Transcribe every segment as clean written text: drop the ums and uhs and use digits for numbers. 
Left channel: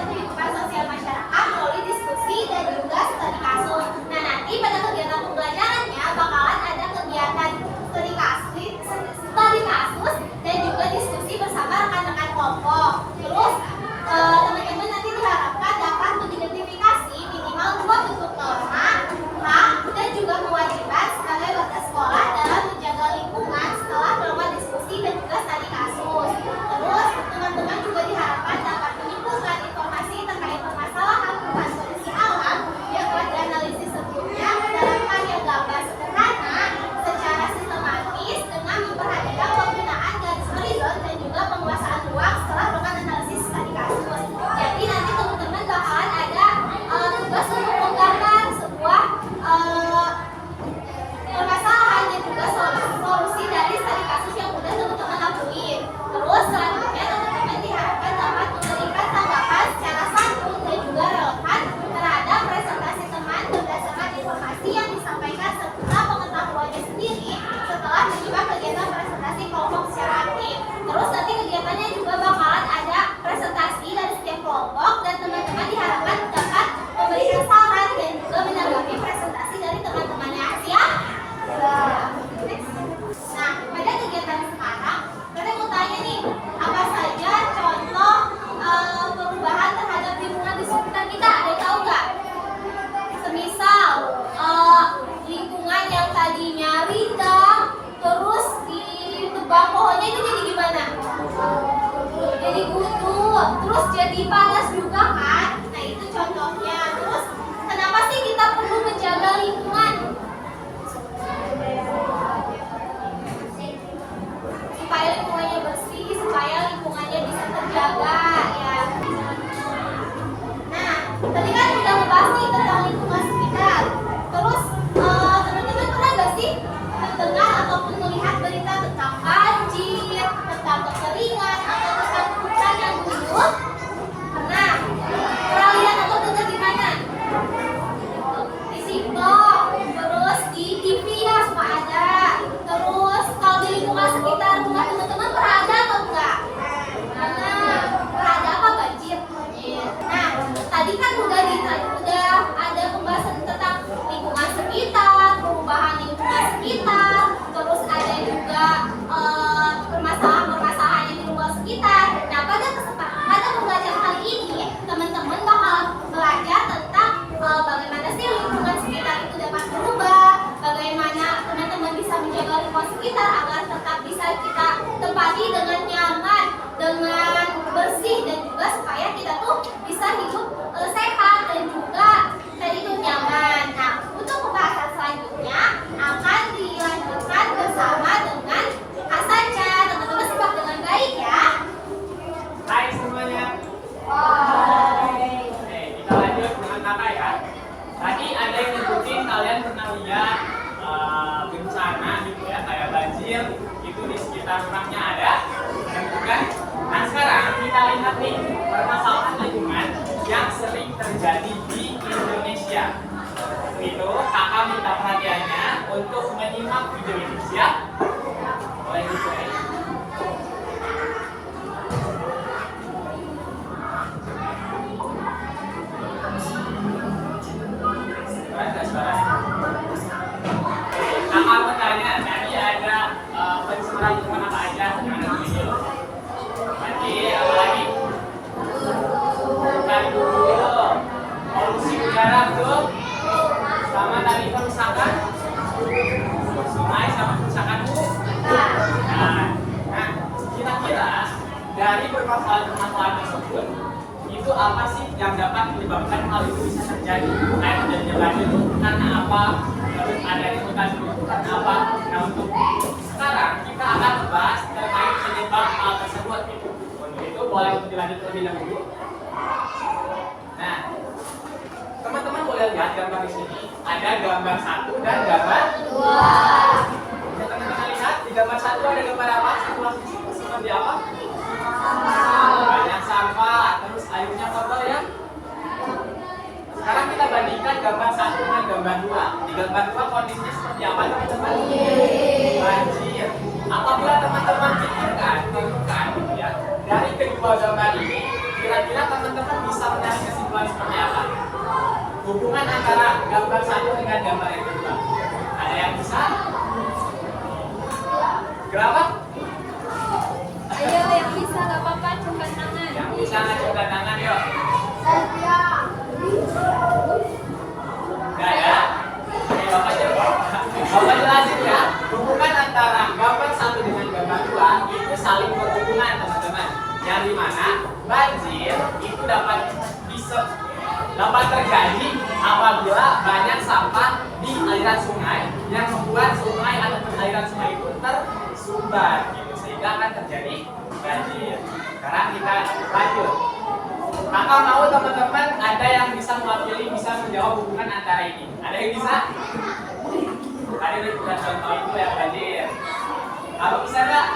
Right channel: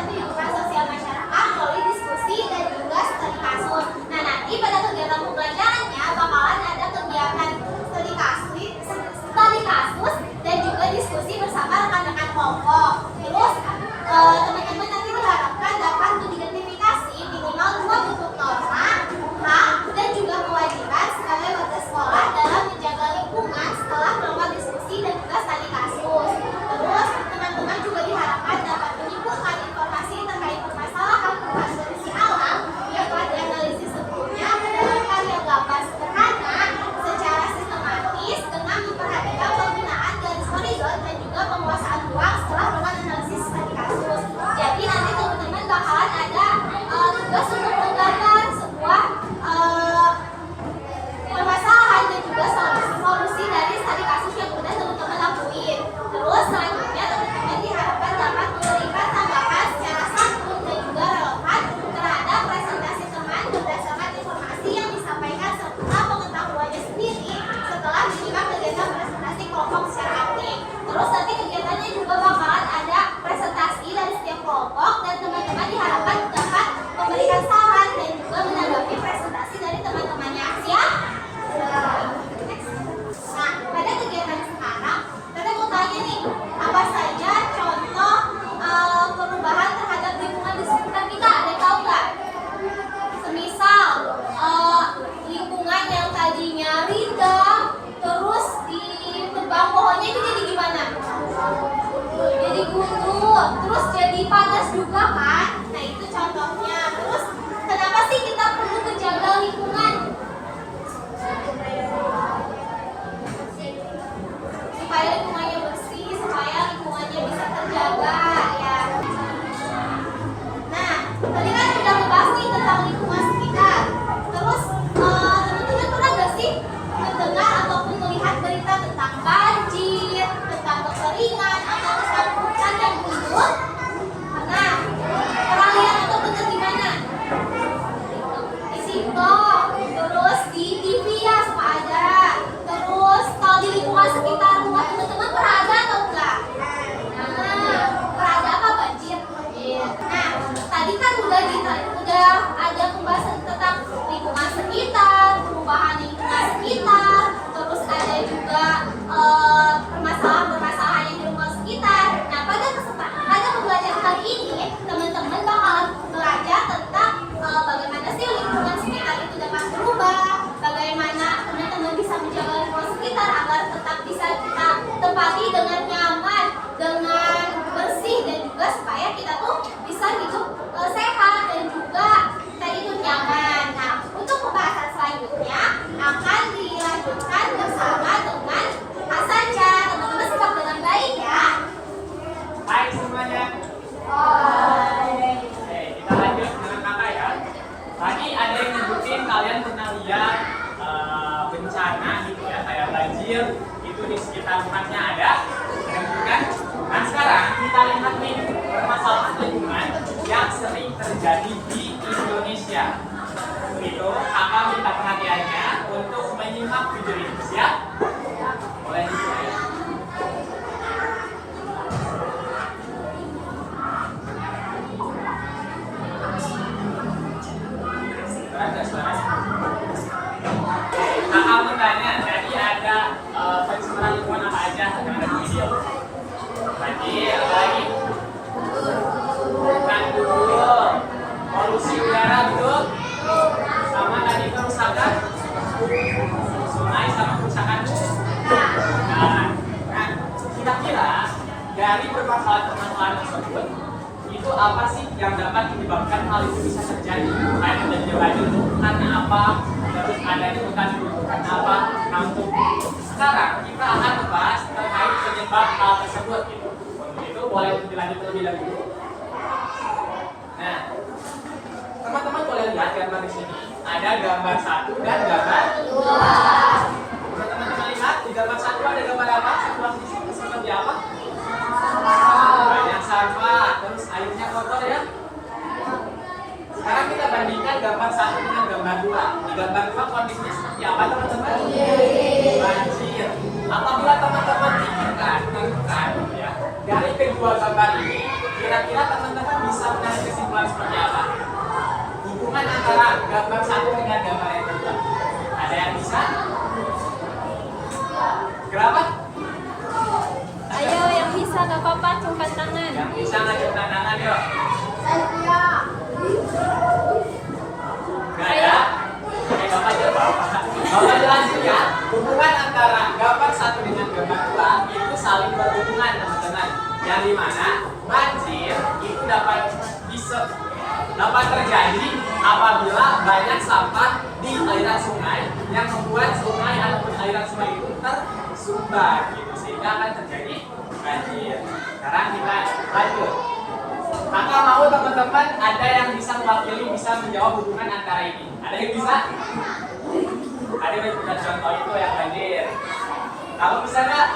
dan kehidupan sosial masyarakat melalui diskusi dan juga studi kasus. Nah, nanti pada kegiatan pembelajarannya bakalan ada kegiatan studi kasus dan juga diskusi bersama rekan-rekan kelompok. Terus teman-teman nanti diharapkan dapat mengidentifikasi minimal 2 bentuk norma, hak, dan juga kewajiban sebagai warga sekolah dalam menjaga lingkungan setelah melakukan diskusi dan juga studi kasus. Terus teman-teman juga diharapkan dapat menyimpulkan informasi terkait permasalahan perubahan kondisi alam yang telah dianalisis sebelumnya ke dalam karya gambar sederhana secara sistematis dengan memperhatikan penggunaan garis horizon dan juga penguasaan ruang setelah melakukan analisis studi kasus. Jadi nanti teman-teman bakalan ada tugas untuk menggambar sebuah permasalahan dan juga solusi dari studi kasus yang sudah teman-teman lakuin. Terus selanjutnya teman-teman diharapkan dapat memberikan tanggapan secara santun dan juga relevan terhadap presentasi teman berdasarkan informasi yang disampaikan serta pengetahuannya sendiri setelah menyimak kegiatan presentasi kelompok secara aktif. Terus nanti kegiatannya juga bakalan ada presentasi dari setiap kelompok dan teman-teman diharapkan dapat memberikan saran dan juga menanggapi presentasi dari teman-temannya. Siap? Nah, pada kegiatan sekarang, kita mau tanya nih, apa saja contoh perubahan terhadap lingkungan di sekitar kita? Ada yang tahu nggak? Semisal lingkungan yang tadinya rindang, terus ditebang pohonnya itu jadi gimana? Jadi gundul, terus jadi panas juga kan? Nah itu contohnya. Terus kenapa sih kita perlu menjaga lingkungan? Supaya lingkungannya bersih, supaya lingkungannya bisa terjaga ya. Nah, tadi kan udah ngebahas nih tentang lingkungan sekitar. Terus teman-teman pernah gak sih mendengar ataupun melihat berita tentang banjir, tentang kekeringan, atau tentang hutan yang gundul? Pernah? Pernah lihat atau dengar di mana? Di TikTok, terus di TV ya suka ada. Terus kalau di lingkungan sekitar rumah teman-teman pernah ada atau enggak? Nah, pernah ada apa banjir? Nah, tadi kan udah ada pembahasan tentang lingkungan sekitar, perubahan lingkungan sekitar, terus ada juga permasalahan-permasalahan yang di lingkungan sekitar. Nah, pada pembelajaran kali ini, teman-teman bakalan belajar tentang bagaimana sih lingkungan sekitar itu dapat berubah, bagaimana teman-teman bisa menjaga lingkungan sekitar agar tetap bisa kita tempati dengan nyaman, dengan bersih, dan juga supaya kita tuh bisa hidup sehat dan juga hidup nyaman. Nah, untuk pembahasan selanjutnya akan dilanjutkan bersama dengan Hasanca. Teman-teman simak dengan baik ya. Hai semuanya. Hai. Oke, kita lanjut dengan apa ya? Tadi ada yang nyebutin kalian pernah lihat bencana gitu ya, kayak banjir itu di sekitar rumahnya ada, kan? Nah sekarang kita lihat nih permasalahan lingkungan yang sering terjadi di Indonesia. Itu kakak minta perhatiannya untuk menyimak video ini. Siap? Boleh dimulai. Kakak mau tanya, tadi ada pencemaran lingkungan apa aja yang ada di video? Tadi apa lagi? Hutan dulu, polusi udara tuh, sama tadi kerusakan sungai sama kerusakan. Nah, kira-kira dari permasalahan tersebut itu apa sih yang dapat menyebabkan hal itu bisa terjadi? Kayak terjadi tadi itu karena apa? Terus adanya hutan dulu karena apa? Nah untuk sekarang kita akan membahas terkait penyebab hal tersebut. Untuk itu boleh dilanjut terlebih dahulu. Nah, teman-teman boleh lihat gambar di sini. Ada gambar 1 dan gambar 2. Bisa teman-teman lihat di gambar 1 ada gambar apa? Seperti apa? Banyak sampah, terus airnya kotor ya. Sekarang kita bandingkan gambar 1 dengan gambar 2. Di gambar 2 kondisinya seperti apa teman-teman? Banjir. Apabila teman-teman pikirkan, ya, dari kedua gambar ini kira-kira teman-teman bisa menarik kesimpulan seperti apa? Hubungan antara gambar satu dengan gambar yang kedua. Ada yang bisa? Kenapa? Ayo yang bisa gak apa-apa angkat tangan. Yang bisa ngajukkan tangan yuk. Gak ada? Oke, Bapak jelasin ya. Hubungan antara gambar satu dengan gambar dua itu saling berhubungan teman-teman. Dari mana banjir itu dapat terjadi apabila banyak sampah di aliran sungai yang membuat sungai ataupun aliran sungai itu tersumbat gitu, sehingga akan terjadi banjir. Sekarang kita lanjut. Kakak mau teman-teman ada yang bisa mewakili, bisa menjawab hubungan antara ini. Ada yang bisa? Ada yang punya contoh itu ya banjir. Kamu bisa nggak?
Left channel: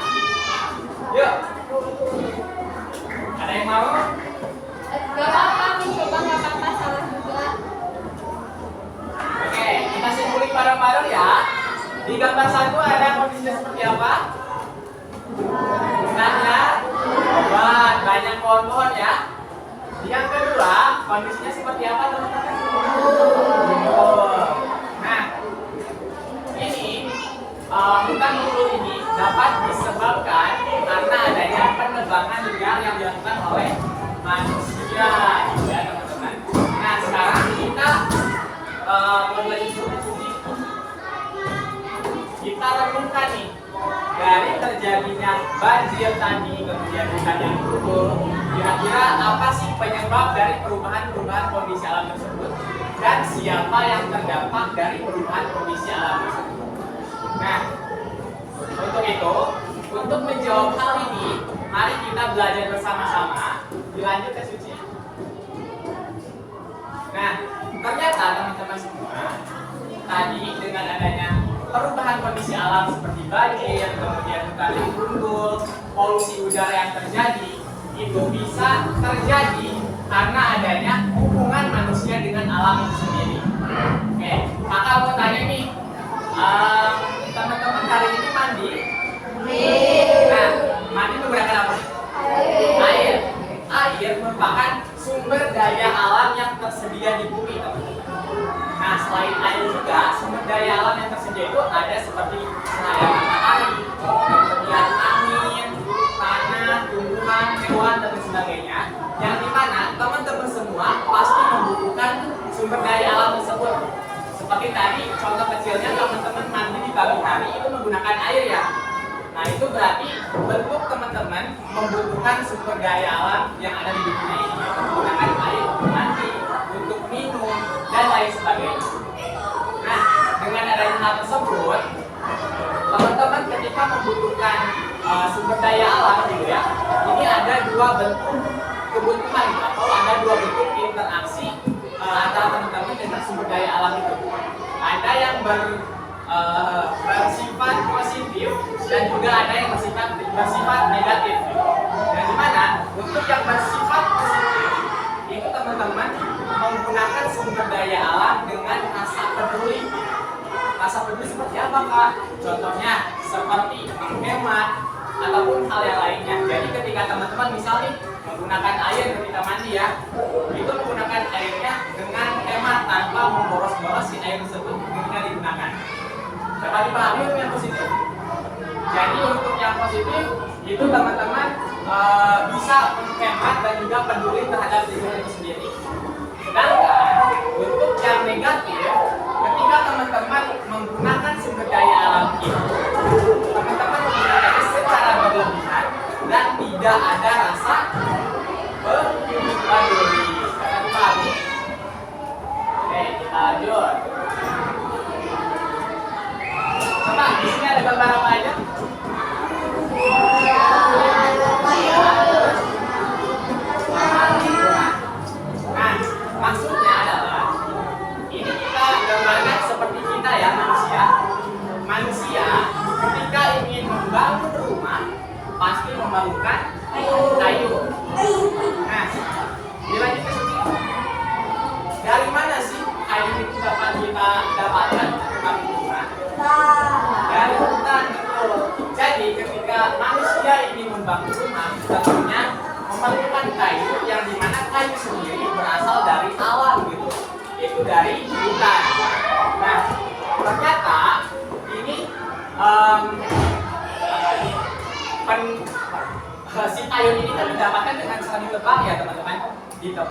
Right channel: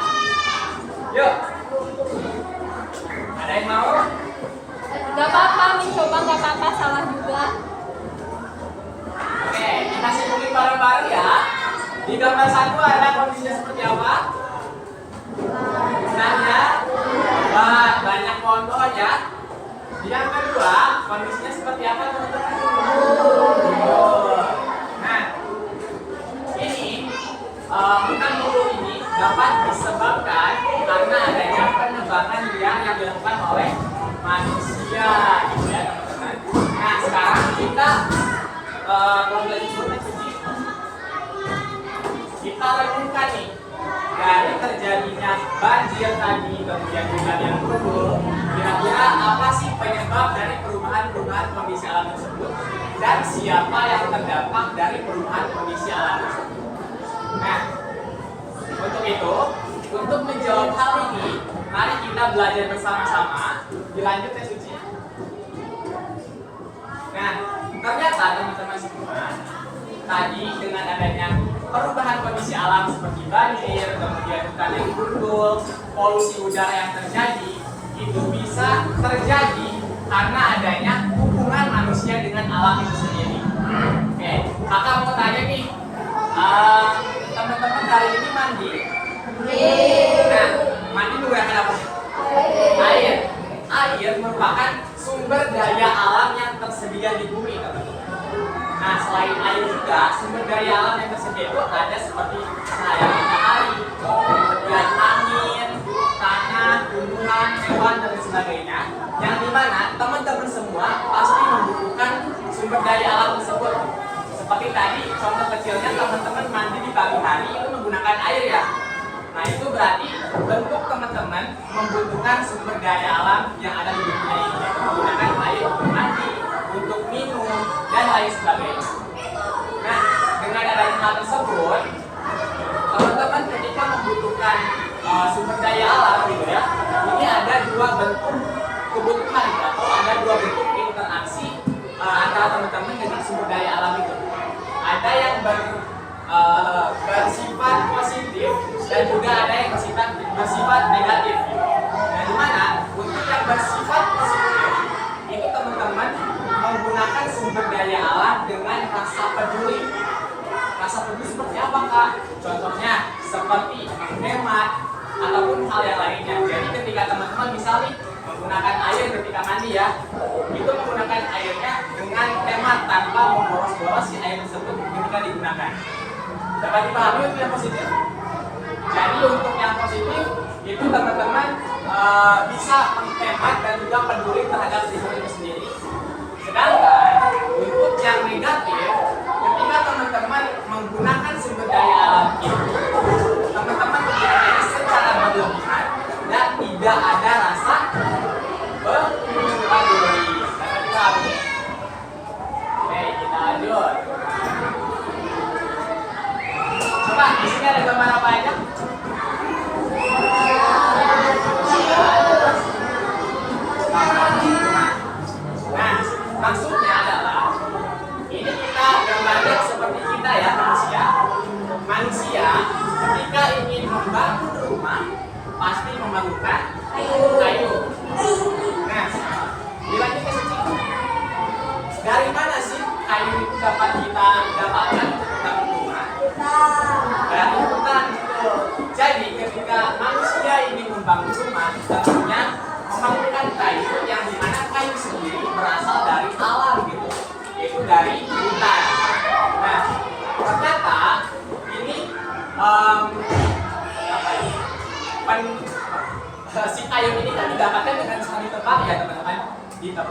Yuk. Ada yang mau? Gak apa-apa, mencoba gak apa-apa, salah juga. Oke, kita simpulin bareng-bareng ya. Di gambar satu ada kondisinya seperti apa? Gunanya obat, banyak pohon-pohon ya. Di yang kedua, kondisinya seperti apa teman-teman? Nah, ini hutan gundul ini dapat disebabkan karena adanya penebangan liar yang dilakukan oleh manusia, ya teman-teman. Nah, sekarang kita kalau belajar studi, kita renungkan nih dari terjadinya banjir tadi, kemudian hutan yang gundul. Kira-kira apa sih penyebab dari perubahan kondisi alam tersebut dan siapa yang terdampak dari perubahan kondisi alam tersebut? Nah, untuk itu, untuk menjawab hal ini, mari kita belajar bersama-sama. Dilanjut ya Suci. Nah, ternyata teman-teman semua, tadi dengan adanya perubahan kondisi alam seperti banjir, kemudian hutan yang gundul, polusi udara yang terjadi, itu bisa terjadi karena adanya hubungan manusia dengan alam itu sendiri. Oke, kakak mau tanya nih, teman-teman hari ini mandi? Nah, mandi menggunakan apa? Air. Air merupakan sumber daya alam yang tersedia di bumi. Nah, selain air juga, sumber daya alam yang tersedia itu ada seperti cahaya matahari, kemudian angin, tanah, tumbuhan, hewan, dan sebagainya. Yang dimana teman-teman semua pasti membutuhkan sumber daya alam tersebut. Seperti tadi, contoh kecilnya teman-teman mandi di pagi hari itu menggunakan air ya. Nah, itu berarti bentuk teman-teman membutuhkan sumber daya alam yang ada di dunia ini, menggunakan air untuk mandi, untuk minum, dan lain sebagainya. Nah, dengan adanya hal tersebut, teman-teman ketika membutuhkan sumber daya alam gitu ya, ini ada dua bentuk kebutuhan gitu, atau ada dua bentuk interaksi antara teman-teman dengan sumber daya alam itu. Ada yang bersifat positif dan juga ada yang bersifat negatif. Nah, di mana untuk yang bersifat positif itu teman-teman menggunakan sumber daya alam dengan rasa peduli. Rasa peduli seperti apa kak? Contohnya seperti menghemat ataupun hal yang lainnya. Jadi ketika teman-teman misalnya menggunakan air ketika mandi ya, itu menggunakan airnya dengan hemat tanpa memboros-boros si air tersebut ketika digunakan. Dapat dipahami untuk yang positif? Jadi untuk yang positif itu teman-teman bisa menghemat dan juga peduli terhadap lingkungan itu sendiri. Sedangkan untuk yang negatif, ketika teman-teman menggunakan sumber daya alam itu, teman-teman menggunakannya secara berlebihan dan tidak ada rasa peduli. Dapat dipahami? Oke, kita lanjut. Coba di sini ada gambar apa aja? Nah, maksudnya adalah ini kita gambarnya seperti kita ya manusia. Manusia ketika ingin membangun rumah pasti memerlukan kayu. Nah, dilanjut ke sini. Dari mana sih kayu itu dapat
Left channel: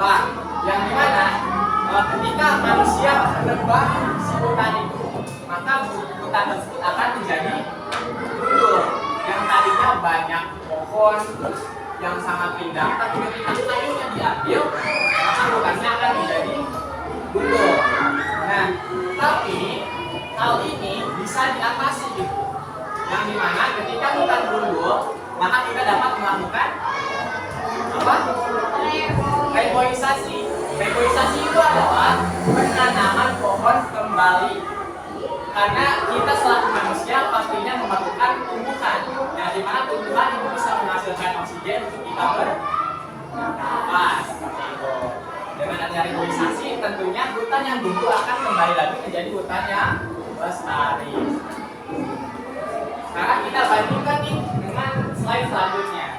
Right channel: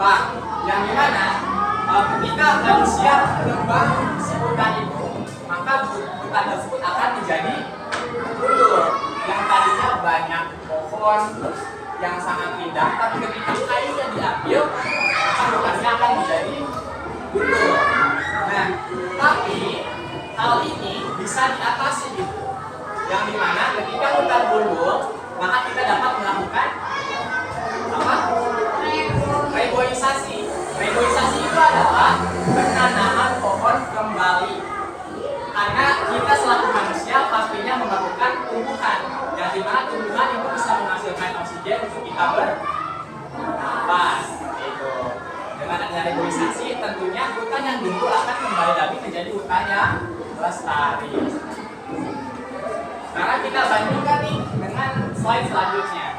apa? Yang dimana ketika manusia menebang si hutan itu, maka hutan tersebut akan menjadi gundul. Yang tadinya banyak pohon yang sangat indah, tapi ketika kayunya diambil, maka hutannya akan menjadi gundul. Nah, tapi hal ini bisa diatasi gitu. Yang dimana ketika hutan gundul, maka kita dapat melakukan apa? Reboisasi. Reboisasi itu adalah penanaman pohon kembali. Karena kita selaku manusia pastinya memerlukan tumbuhan, yang dimana tumbuhan itu bisa menghasilkan oksigen untuk kita bernafas. Gitu. Dengan adanya reboisasi, tentunya hutan yang gundul akan kembali lagi menjadi hutan yang lestari. Sekarang kita bandingkan nih dengan slide selanjutnya.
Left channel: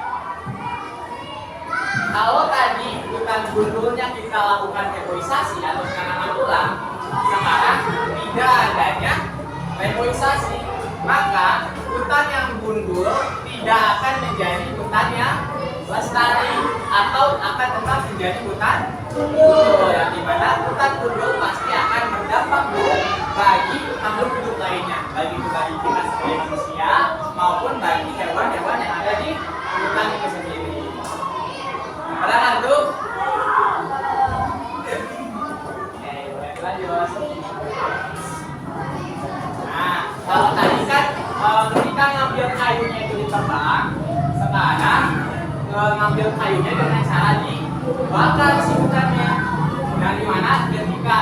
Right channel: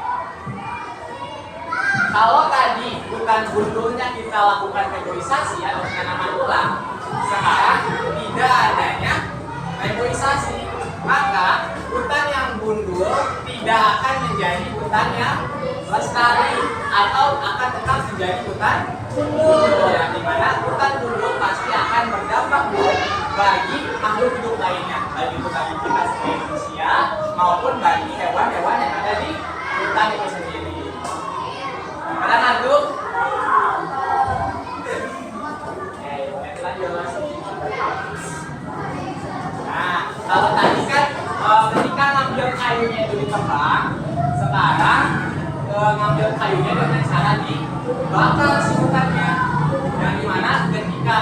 Kalau tadi hutan gundulnya kita lakukan reboisasi atau penanaman ulang, sekarang tidak adanya reboisasi, maka hutan yang gundul tidak akan menjadi hutan yang lestari atau akan tetap menjadi hutan gundul, yang dimana hutan gundul pasti akan berdampak buruk bagi makhluk hidup lainnya, baik itu bagi kita sebagai manusia maupun bagi hewan-hewan yang ada di hutan itu sendiri. Ada lanjut? Oke, boleh lanjut. Nah, kalau tadi kan ketika ngambil kayunya itu ditebang, sekarang ngambil kayunya dengan cara dibakar si hutannya. Yang dimana ketika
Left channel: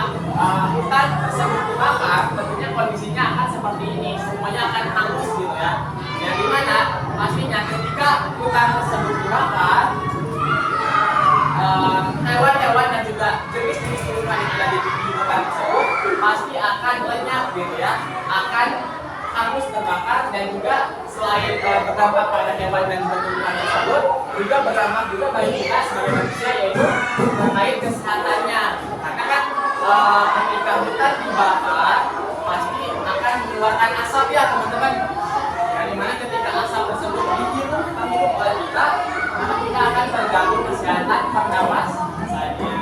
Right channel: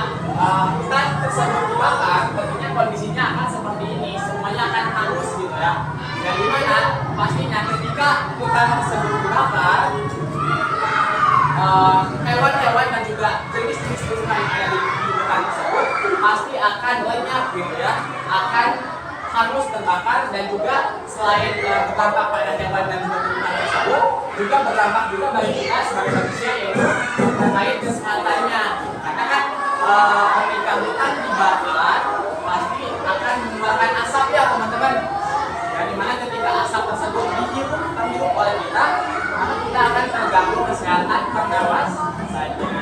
hutan tersebut dibakar, tentunya kondisinya akan seperti ini, semuanya akan hangus gitu ya. Yang dimana pastinya ketika hutan tersebut dibakar, hewan-hewan dan juga jenis-jenis tumbuhan yang ada di hutan tersebut pasti akan lenyap gitu ya, akan hangus terbakar, dan juga selain berdampak pada hewan dan juga tumbuhan tersebut, juga berdampak juga bagi kita sebagai manusia, yaitu terkait kesehatannya. Karena kan ketika hutan dibakar pasti akan mengeluarkan asap ya teman-teman. Yang dimana ketika asap tersebut terhirup oleh kita, maka kita akan terganggu kesehatan pernafasannya.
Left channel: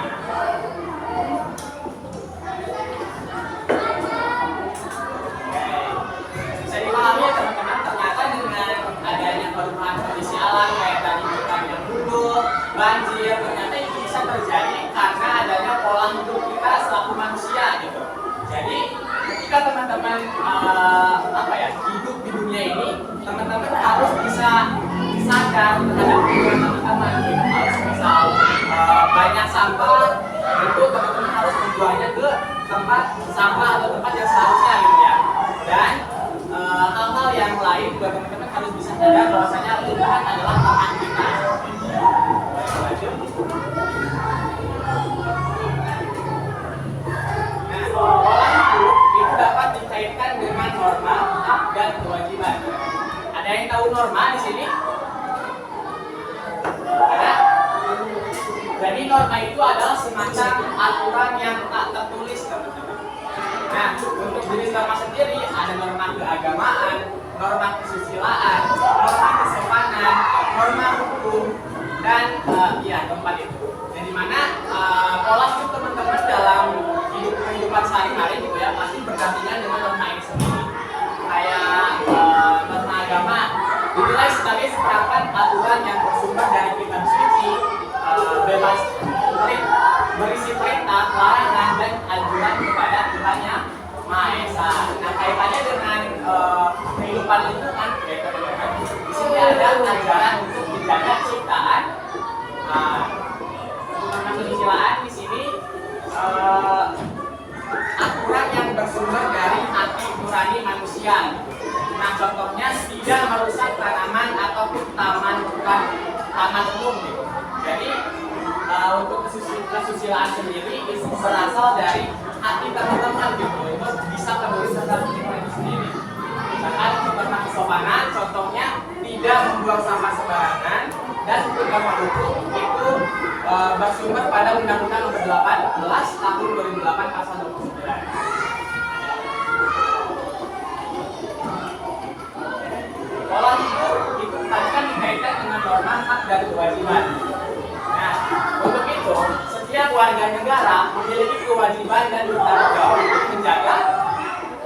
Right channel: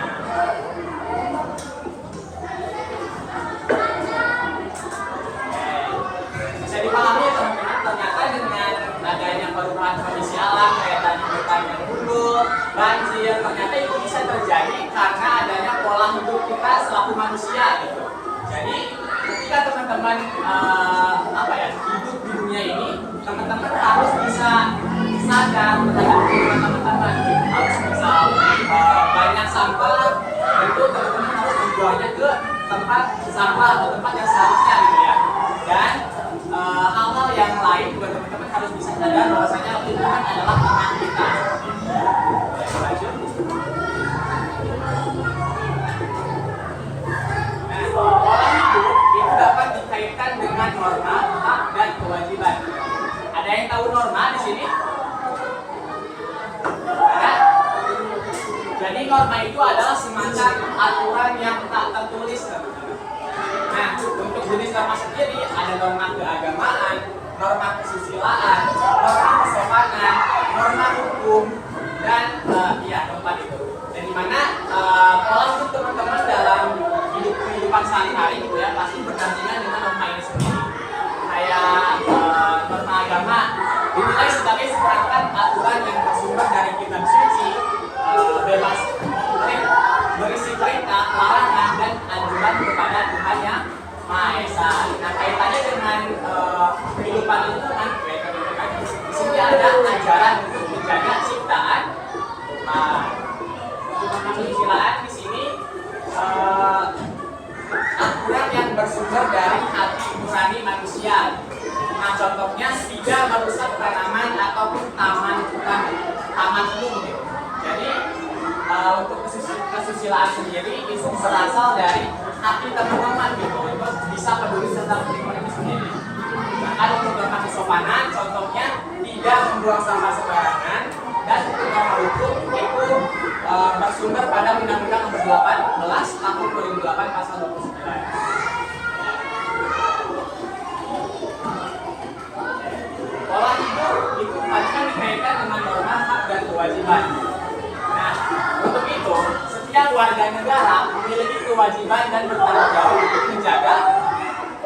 Bisa dipahami ya teman-teman, ternyata dengan adanya perubahan kondisi alam kayak tadi hutan yang gundul, banjir, ternyata itu bisa terjadi karena adanya pola hidup kita selaku manusia gitu. Jadi ketika teman-teman hidup di dunia ini, teman-teman harus bisa sadar terhadap kehidupan teman-teman. Harus misal banyak sampah, itu teman-teman harus membuangnya ke tempat sampah atau tempat yang seharusnya gitu ya. Dan hal-hal yang lain juga teman-teman harus bisa sadar bahwasanya lingkungan adalah teman kita. Nah, pola hidup itu dapat dikaitkan dengan norma, hak, dan kewajiban. Ada yang tahu norma di sini? Ada? Jadi norma itu adalah semacam aturan yang tak tertulis. Nah, untuk jenis norma sendiri ada norma keagamaan, norma kesusilaan, norma kesopanan, norma hukum, dan keempat itu. Dan dimana pola hidup teman-teman dalam kehidupan sehari-hari gitu ya pasti berdampingan dengan norma ini sendiri. Kayak norma agama dinilai sebagai seperangkat aturan yang bersumber dari kitab suci, bebas berisi perintah, larangan, dan anjuran kepada Tuhan yang Maha Esa. Nah, kaitannya dengan kehidupan lingkungan, di sini ada ajaran untuk menjaga ciptaan. Untuk kesusilaan di sini aturan yang bersumber dari hati nurani manusia. Nah, contohnya tidak merusak tanaman ataupun taman umum gitu. Jadi untuk kesusilaan sendiri itu berasal dari hati teman-teman gitu. Itu bisa peduli terhadap lingkungan itu sendiri. Bahkan untuk norma kesopanan, contohnya tidak membuang sampah sembarangan, dan untuk norma hukum itu bersumber pada Undang-Undang Nomor 18 Tahun 2008 Pasal 29. Pola hidup itu tadi kan dikaitkan dengan norma hak dan kewajiban. Nah, untuk itu setiap warga negara memiliki kewajiban dan bertanggung jawab untuk menjaga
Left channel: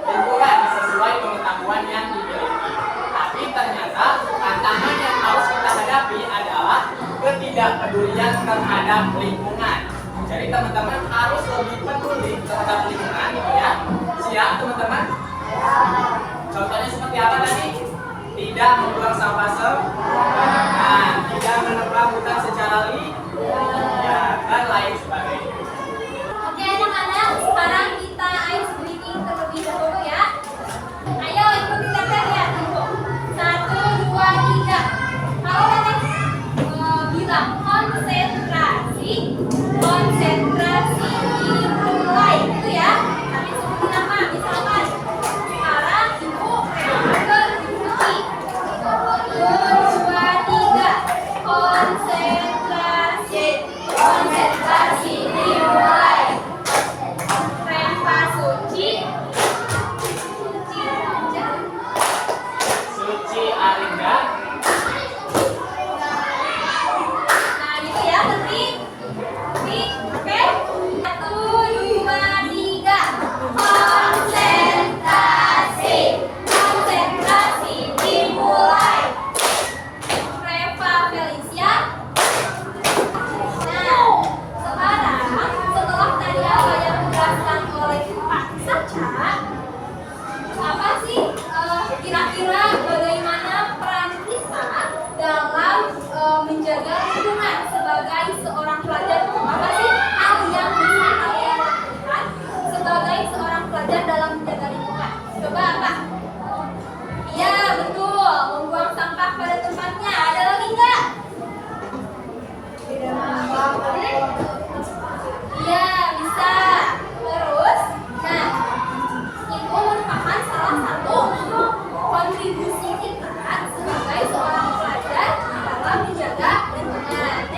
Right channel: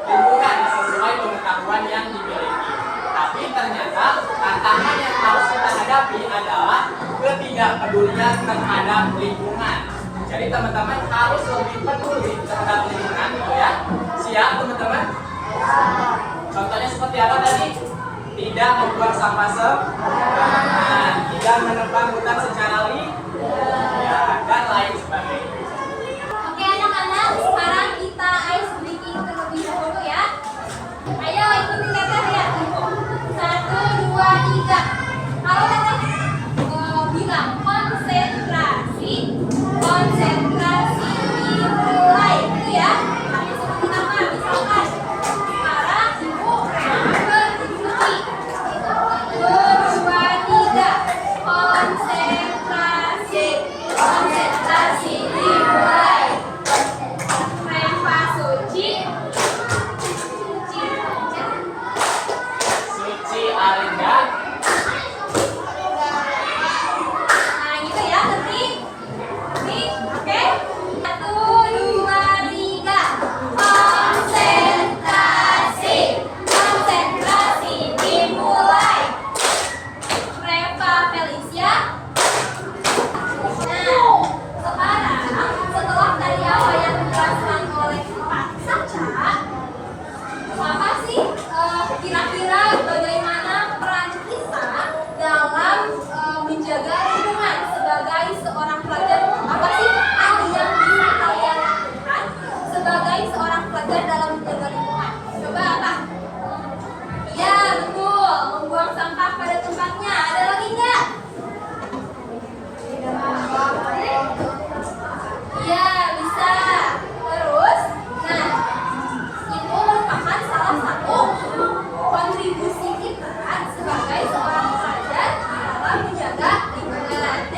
lingkungan sesuai pengetahuan yang dimiliki. Tapi ternyata tantangan yang harus kita hadapi adalah ketidakpedulian terhadap lingkungan. Jadi teman-teman harus lebih peduli terhadap lingkungan, ya. Siap teman-teman? Contohnya seperti apa tadi? Tidak membuang sampah sembarangan, tidak menebang hutan secara liar, dan lain sebagainya. Oke anak-anak, sekarang kita ice breaking terlebih dahulu ya. Ayo ikutin teteh ya. 1, 2, 3. Halo teteh. Bilang konsentrasi. Konsentrasi dimulai. Itu ya. Nanti sebutin nama. Misalkan sekarang ibu berikuti. 1, 2, 3. Konsentrasi. Konsentrasi dimulai. Reva Suci. Suci aja. Suci Arinda. Nah gitu ya, nanti oke. 1, 2, 3. Konsentrasi. Konsentrasi dimulai. Reva Felicia. Nah, sekarang setelah tadi apa yang dijelaskan oleh Pak Saca, apa sih kira-kira bagaimana peran kita dalam menjaga lingkungan sebagai seorang pelajar? Apa sih hal yang bisa kalian lakukan sebagai seorang pelajar dalam menjaga lingkungan? Coba apa? Iya betul, membuang sampah pada tempatnya. Ada lagi nggak? Iya bisa. Terus, nah itu merupakan salah satu kontribusi kita sebagai seorang pelajar dalam menjaga lingkungan.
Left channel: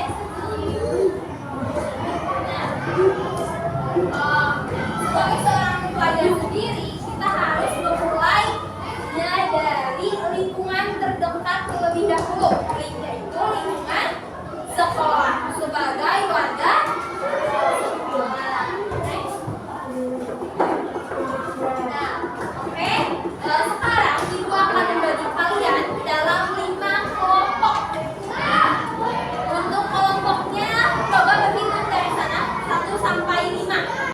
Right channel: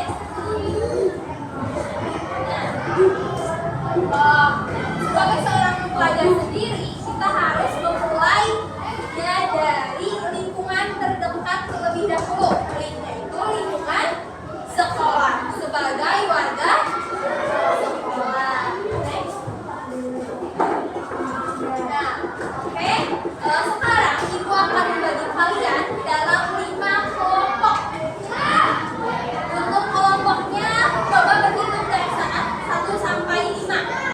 Nah, sebagai seorang pelajar sendiri kita harus memulai dari lingkungan terdekat terlebih dahulu, yaitu lingkungan sekolah sebagai warga sekolah. Nah, oke. Sekarang ibu akan membagi kalian dalam 5 kelompok. Nah, untuk kelompoknya coba berhitung dari sana 1 sampai 5.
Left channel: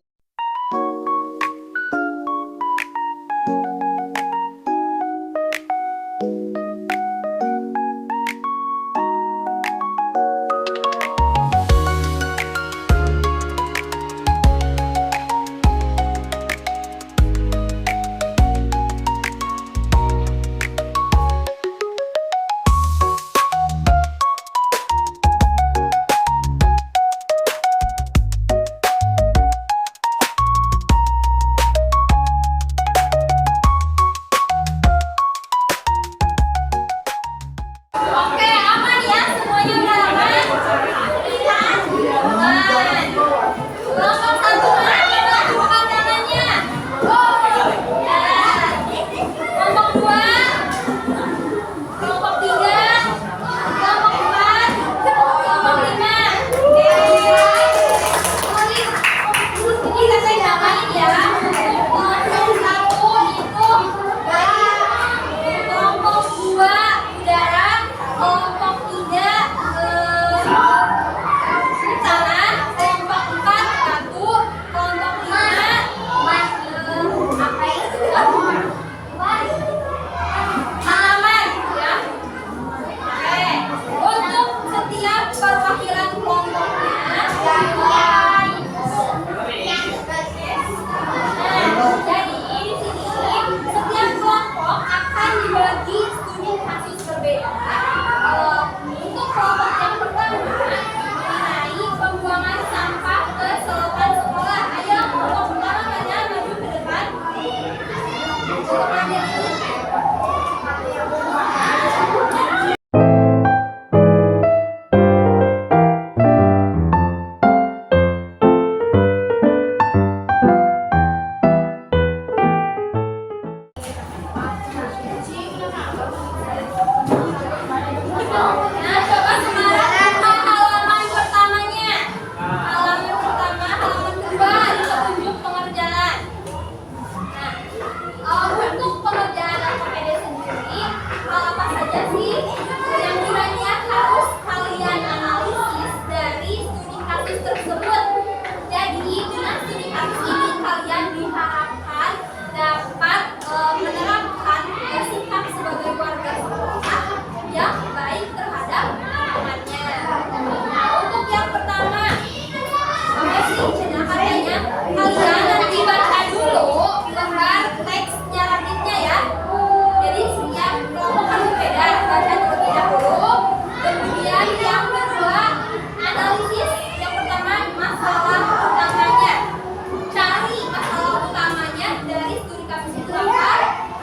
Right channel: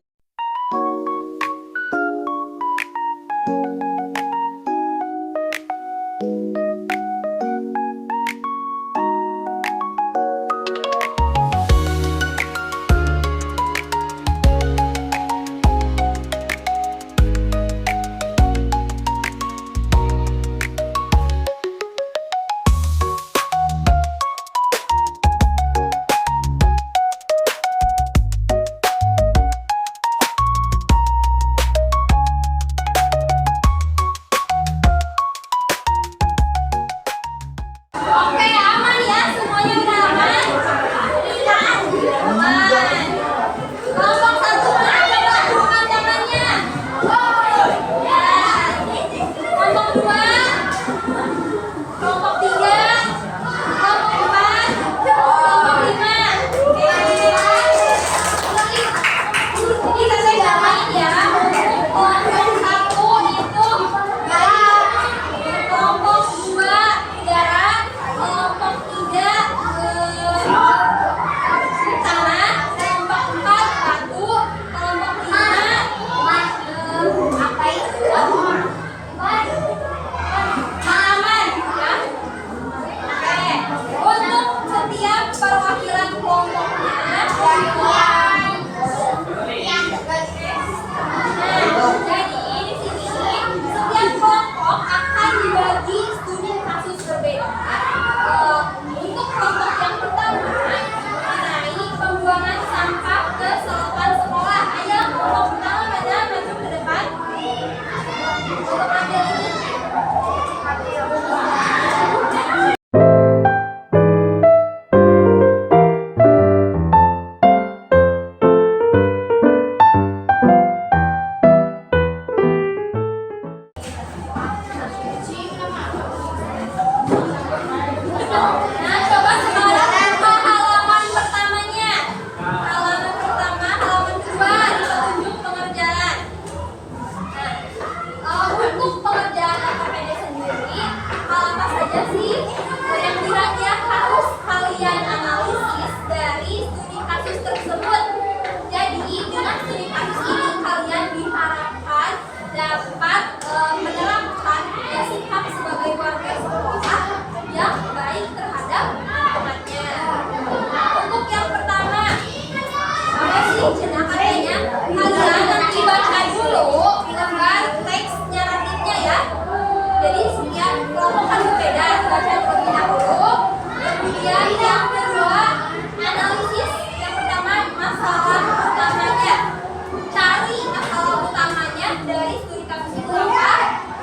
sih? Nah, katanya kalian nanti baca dulu lembar teks naratifnya ya. Jadi setiap kelompok kan berbeda, baca terlebih dahulu. Kemudian yang kedua, analisis. Yang pertama, masalah utamanya. Cari masalah utamanya dari studi kasus itu apa.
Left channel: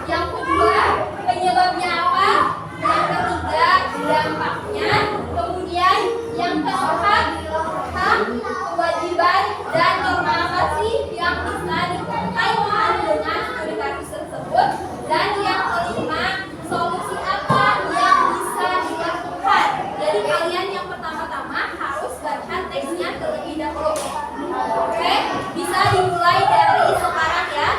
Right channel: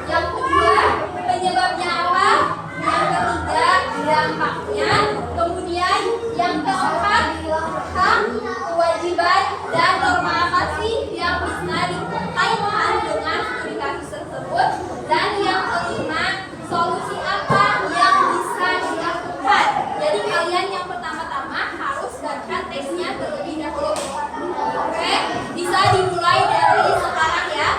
Yang kedua, penyebabnya apa. Yang ketiga, dampaknya. Kemudian yang keempat, hak, kewajiban, dan norma apa sih yang bisa dikaitkan dengan studi kasus tersebut. Dan yang kelima, solusi apa yang bisa dilakukan. Jadi kalian yang pertama-tama harus baca teksnya terlebih dahulu. Oke, bisa dimulai dari sekarang ya.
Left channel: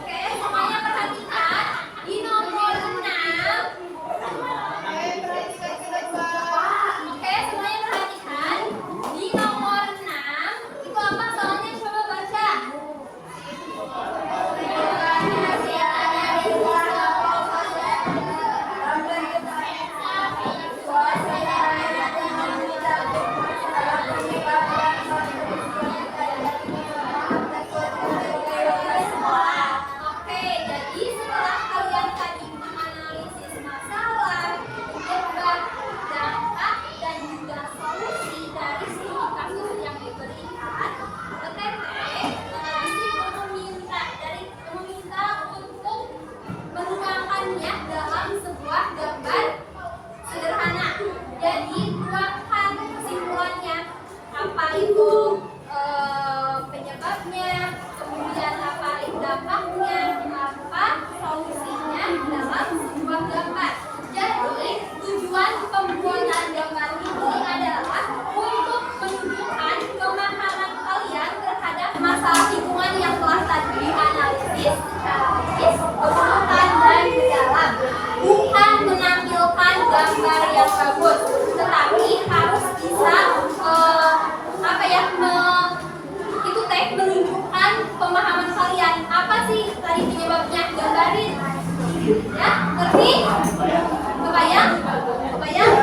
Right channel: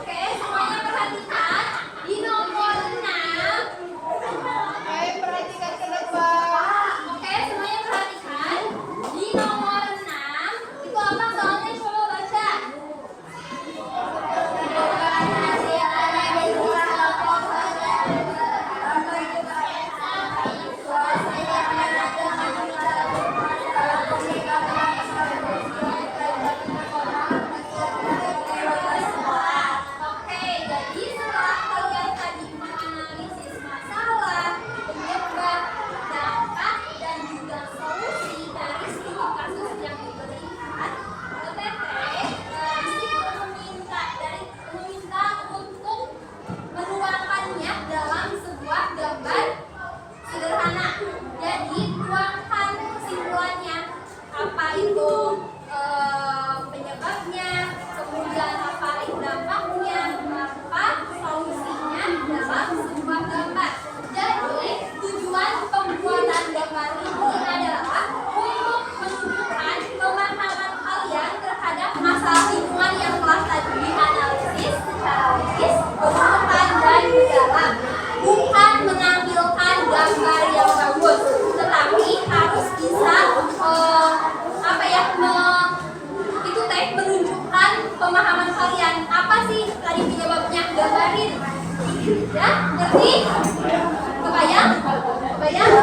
Oke, semuanya perhatikan di nomor 6. Oke, semuanya perhatikan di nomor 6. Itu apa soalnya, coba baca. Oke, jadi setelah kalian tadi menganalisis masalah, penyebab, dampak, dan juga solusi dari studi kasus yang diberikan, Teteh meminta untuk menuangkannya dalam sebuah gambar sederhana. Jadi tuangkan kesimpulannya, apa itu penyebabnya, kemudian apa itu dampaknya, apa solusinya dalam sebuah gambar. Jadi tujuan pembuatan gambar ini adalah untuk menunjukkan pemahaman kalian terhadap masalah lingkungan yang telah tadi dianalisis secara logis, berurutan, dan mendalam. Bukan menampilkan gambar yang bagus, tetapi harus bisa itu teh menunjukkan pemahaman kalian. Apa sih tadi penyebabnya? Gambarin. Ya, ngerti? Kebayang? Kebayang?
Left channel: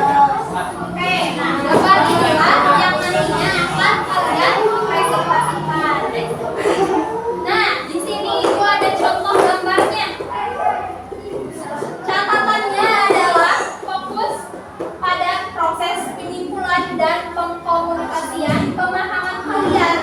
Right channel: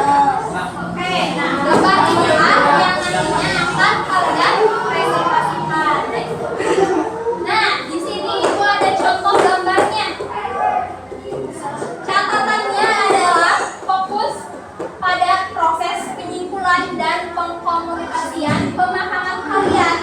Oke, nah gambar inilah yang nantinya akan kalian presentasikan. Nah, di sini itu ada contoh gambarnya. Catatannya adalah fokus pada proses penyimpulan dan pengkomunikasian pemahaman kalian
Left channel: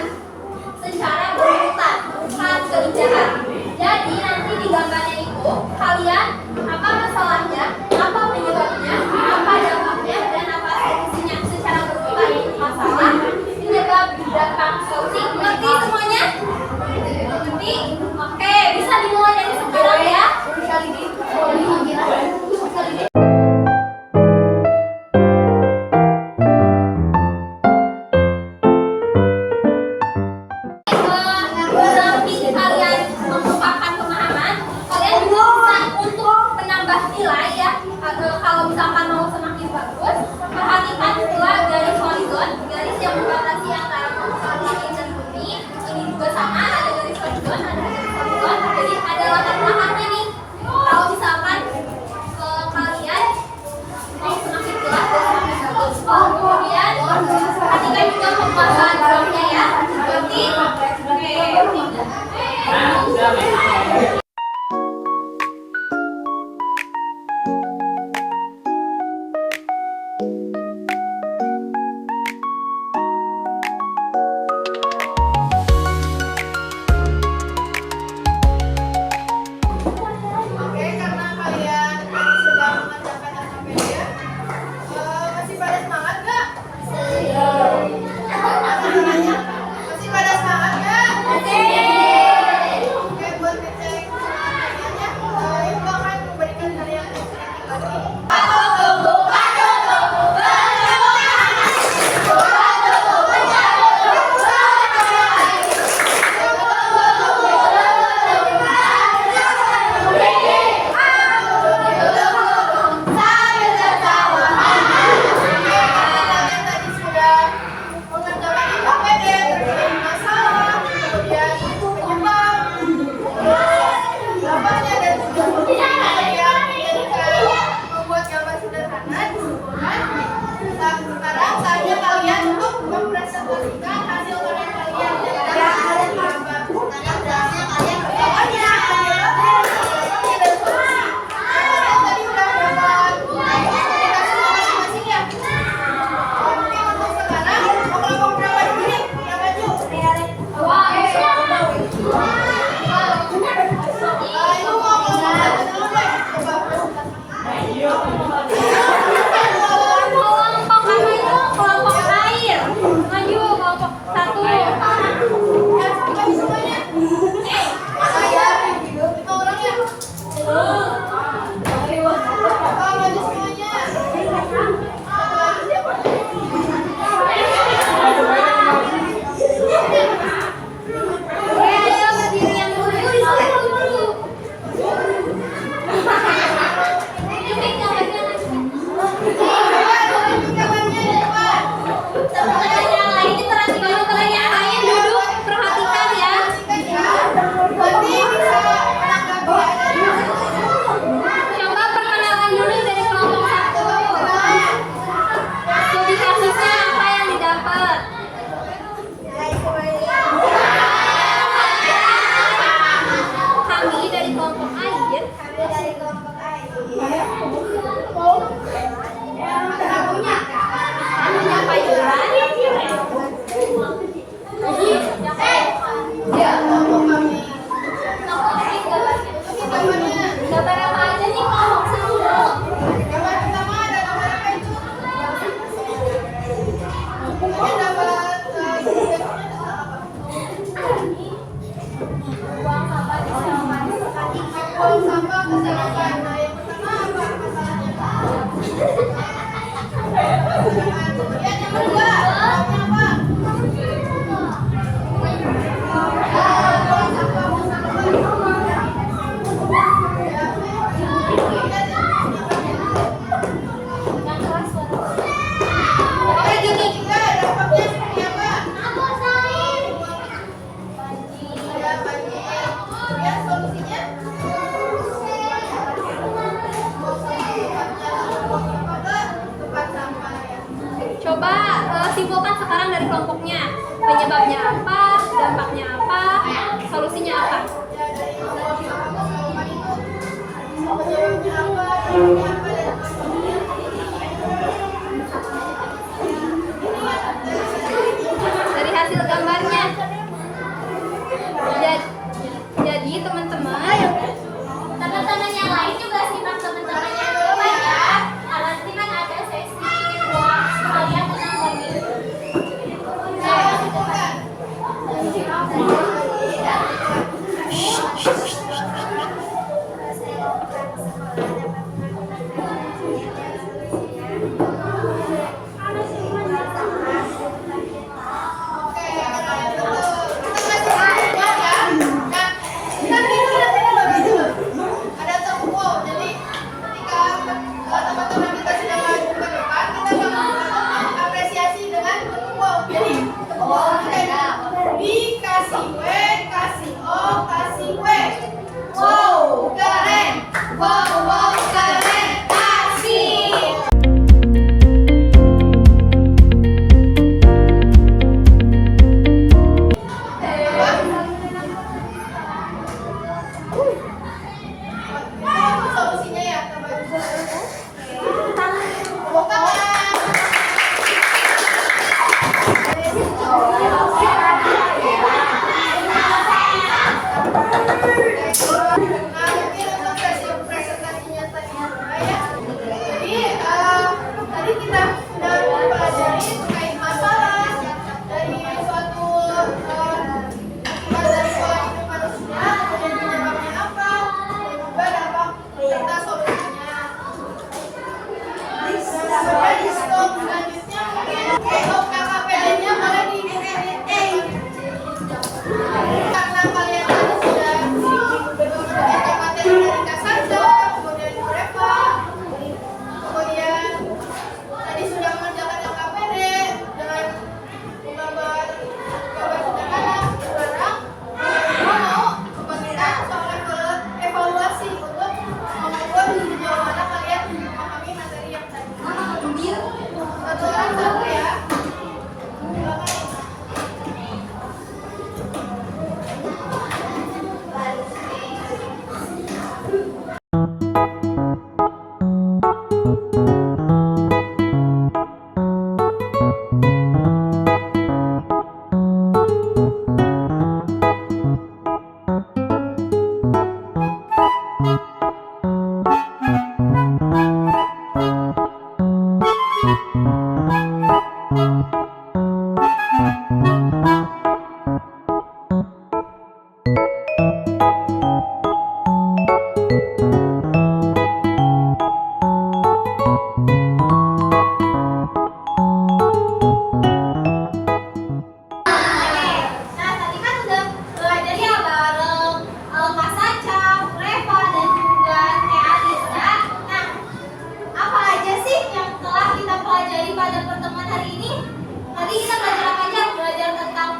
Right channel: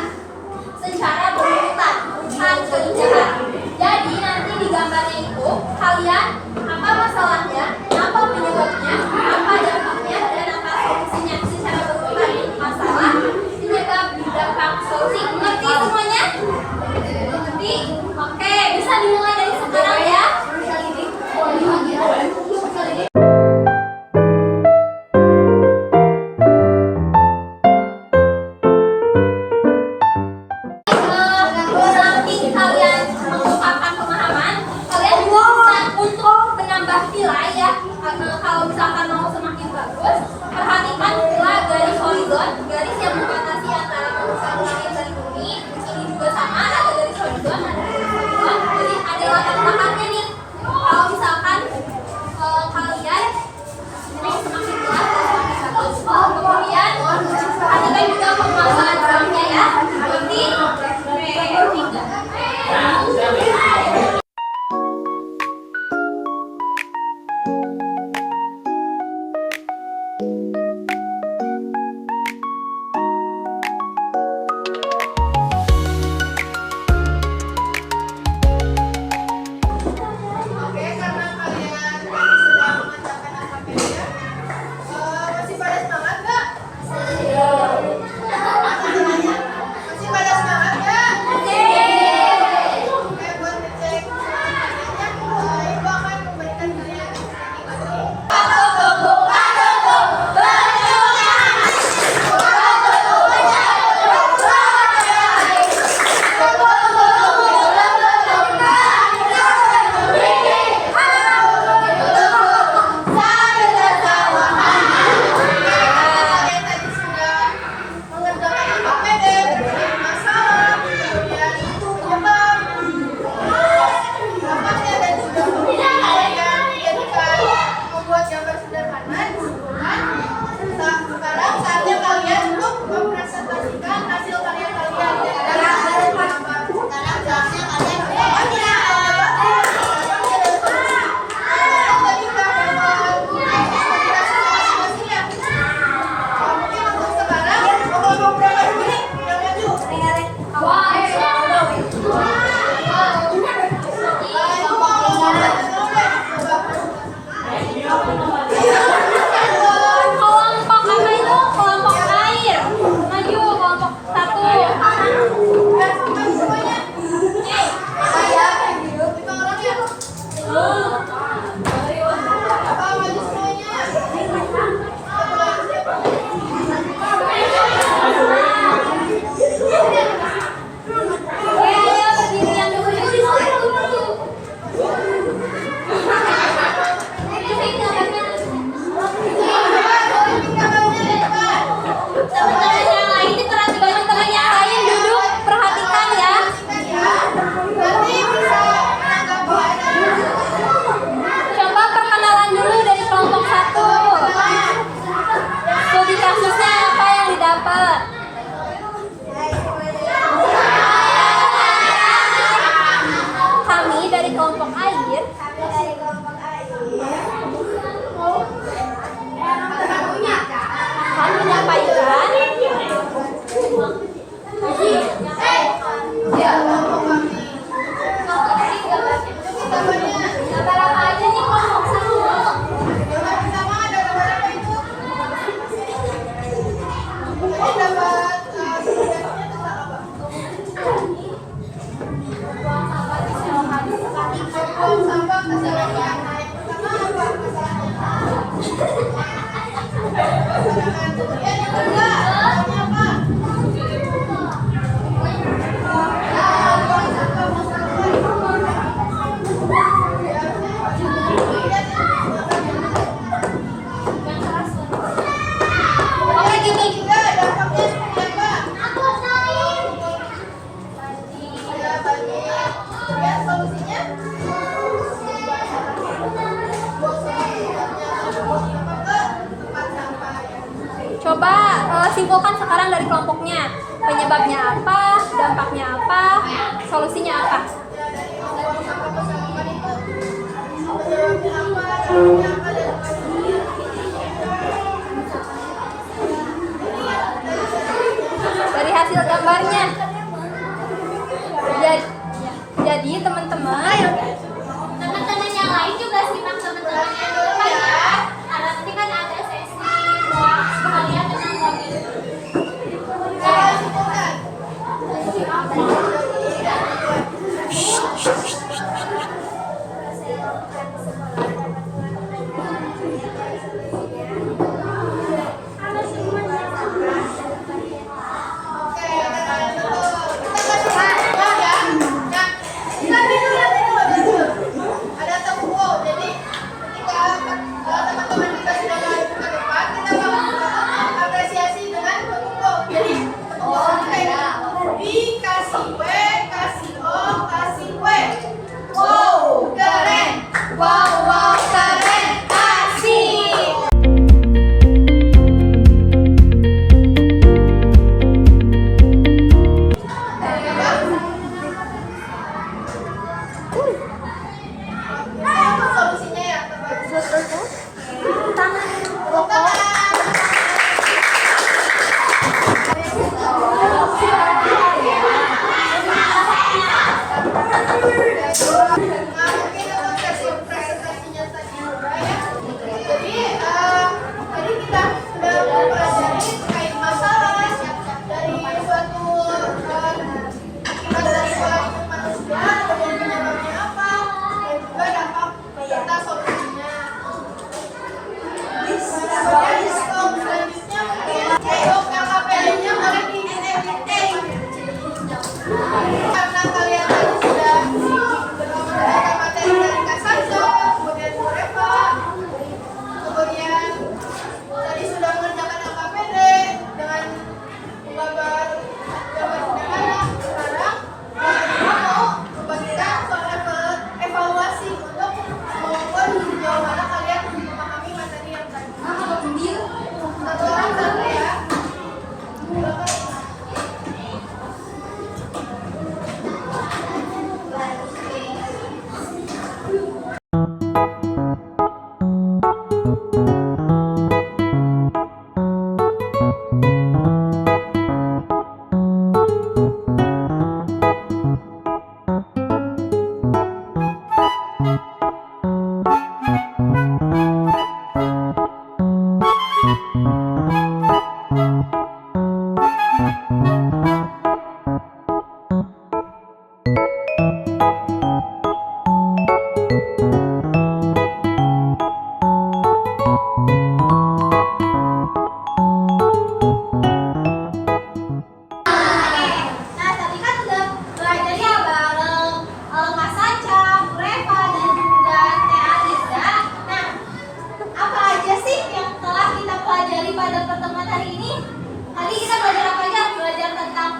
secara berurutan, bukan keindahan. Jadi nanti di gambarnya itu kalian apa masalahnya, apa penyebabnya, apa dampaknya, dan apa solusinya secara berurutan. Masalah, penyebab, dampak, solusi. Ngerti semuanya? Ngerti? Oke, bisa dimulai dari sekarang ya. Nanti kalian mengungkapkan pemahaman, kalian juga bisa untuk menambah nilai ya. Kalau misalkan mau semakin bagus, perhatikan pula garis horizon, garis yang membatasi antara langit dan bumi. Ini juga sama, ada garis horizon, ada garis horizon. Jadi ada latar belakangnya nih. Kalau misalkan kalian mau semakin jelas dan semakin bagus, kemudian perhatikan juga penguasaan orangnya ya. Berarti Oke, karena kalian sudah mengerjakan LKPD, masih pada semangat nggak? Masih pada semangat? simpulkan sekarang dari kelompoknya. Penyebabnya apa, dampaknya apa, solusinya apa. Ya, dari kelompok apa keseluruhan itu penyebabnya apa, dampaknya apa, dan Dari hasil gambarnya. Jadi teman-teman, Teman-teman yang lain juga simak teman-teman yang di depan ya. Karena nanti kan ada sesi buat kalian tentang lagi. ada tepuk. Jadi ketika teman-teman kita sudah maju ke depan, kita bakal apresiasi dengan tepuk. Jadi tepuk kita dikasih W, kasih O, kasih W. Wow, keren. Wow, keren. Kasih. Solusinya ya, tepuk tangan. Nah, mungkin untuk sesi presentasinya tadi udah ya. Jadi tadi kita sudah mempelajari terkait masalah dari suatu akibat dari pola hidup manusia, kemudian penyebabnya apa, dan juga dampak serta solusinya. Kemudian untuk selanjutnya mungkin KKPI-nya boleh di karena kalian tadi sudah mendapatkan materi dari Kak Sanjo, kemudian Bu Reva, kemudian tadi sudah mengerjakan LKPD dengan menggambar sederhana. Sekarang mau membagikan soal evaluasi untuk mengukur sejauh mana kalian memahami materi yang tadi. Satu orang satu ya. Silakan. Nah, tadi kan udah belajar ya bareng Kak Saca, Bu Reva, dan juga Teh Alisa. Nah, apa aja sih yang telah kita pelajari pada pertemuan hari ini? Tadi kita belajar apa aja? Belajar tentang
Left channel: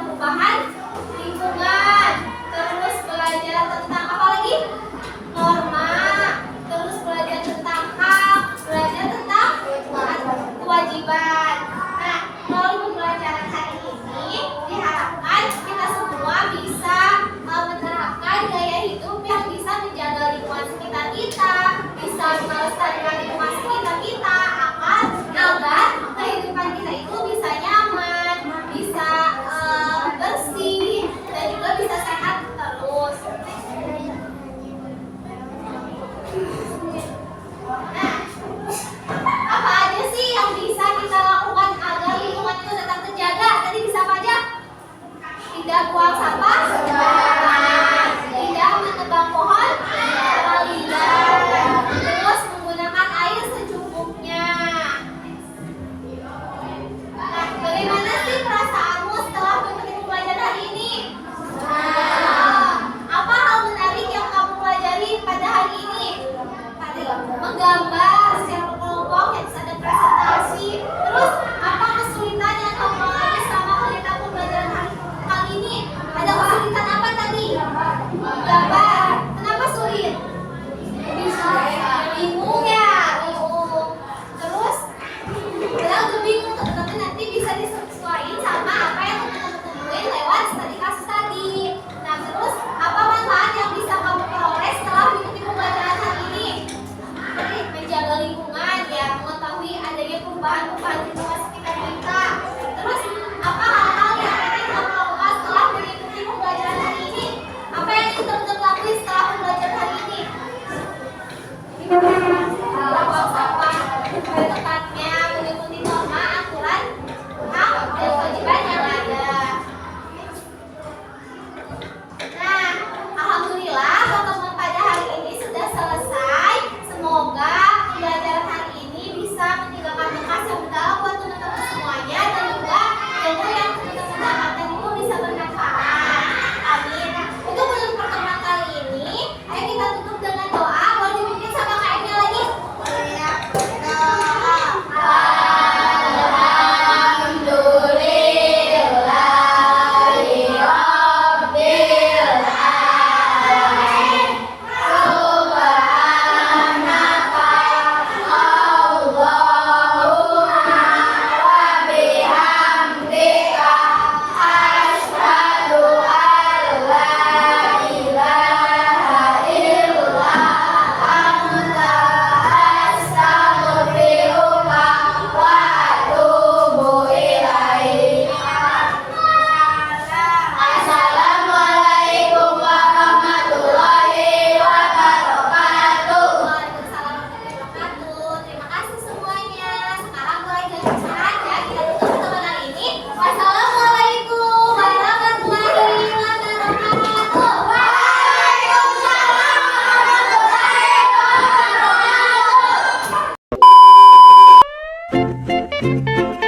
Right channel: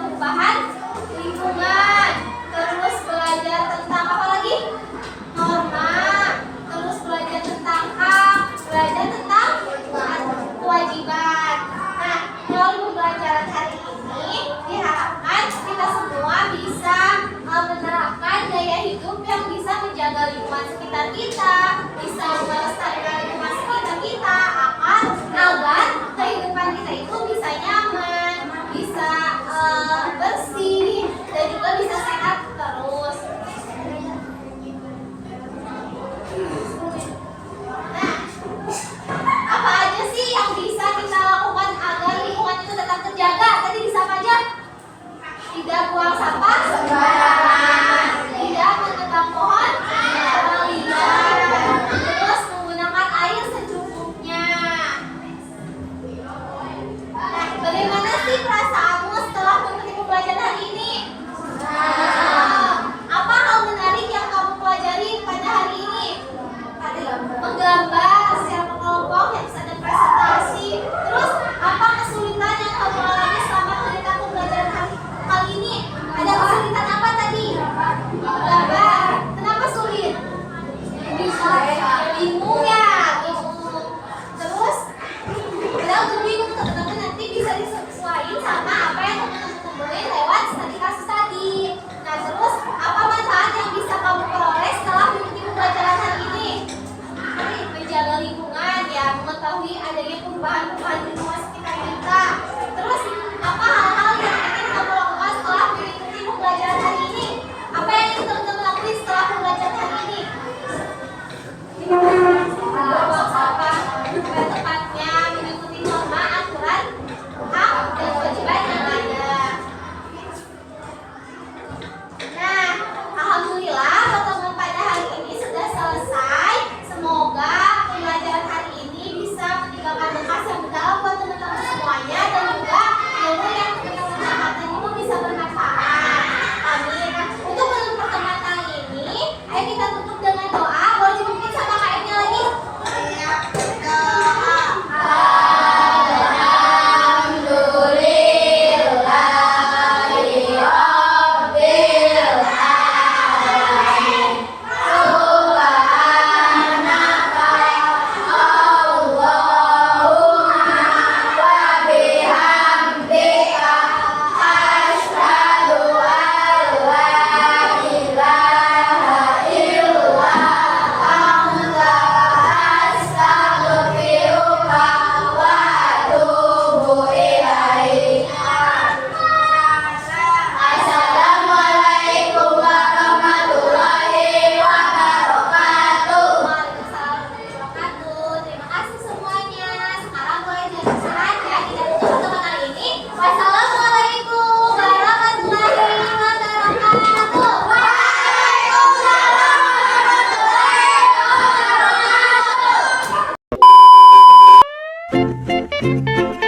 sesuaiin sama apa yang teman-teman temuin lewat studi kasus tadi. Nah, terus apa manfaat yang bisa kamu peroleh setelah mengikuti pembelajaran hari ini? Tadi menjaga lingkungan, ya, mengetahui adanya perubahan-perubahan di lingkungan sekitar kita. Terus apa hal-hal yang ingin kamu lakukan setelah mengikuti pembelajaran hari ini? Apa yang ingin teman-teman lakukan setelah pembelajaran hari ini? Pada tepatnya mengikuti norma, aturan, hak, dan kewajiban yang ada. Nah, alhamdulillah teman-teman pada hari ini sudah selesai. Semoga pembelajaran hari ini bisa meninggalkan bekas yang mendalam buat teman-teman semuanya dan juga ilmu yang teman-teman dapatkan itu bisa bermanfaat. Amin. Nah, untuk menutup pertemuan kali ini, ayo kita tutup dengan doa. Boleh dipimpin sama KM-nya lagi? Terima kasih semuanya. Sekarang mulai dari sekarang ya kita tutup pertemuan ini. Wassalamualaikum warahmatullahi wabarakatuh. Waalaikumsalam warahmatullahi wabarakatuh.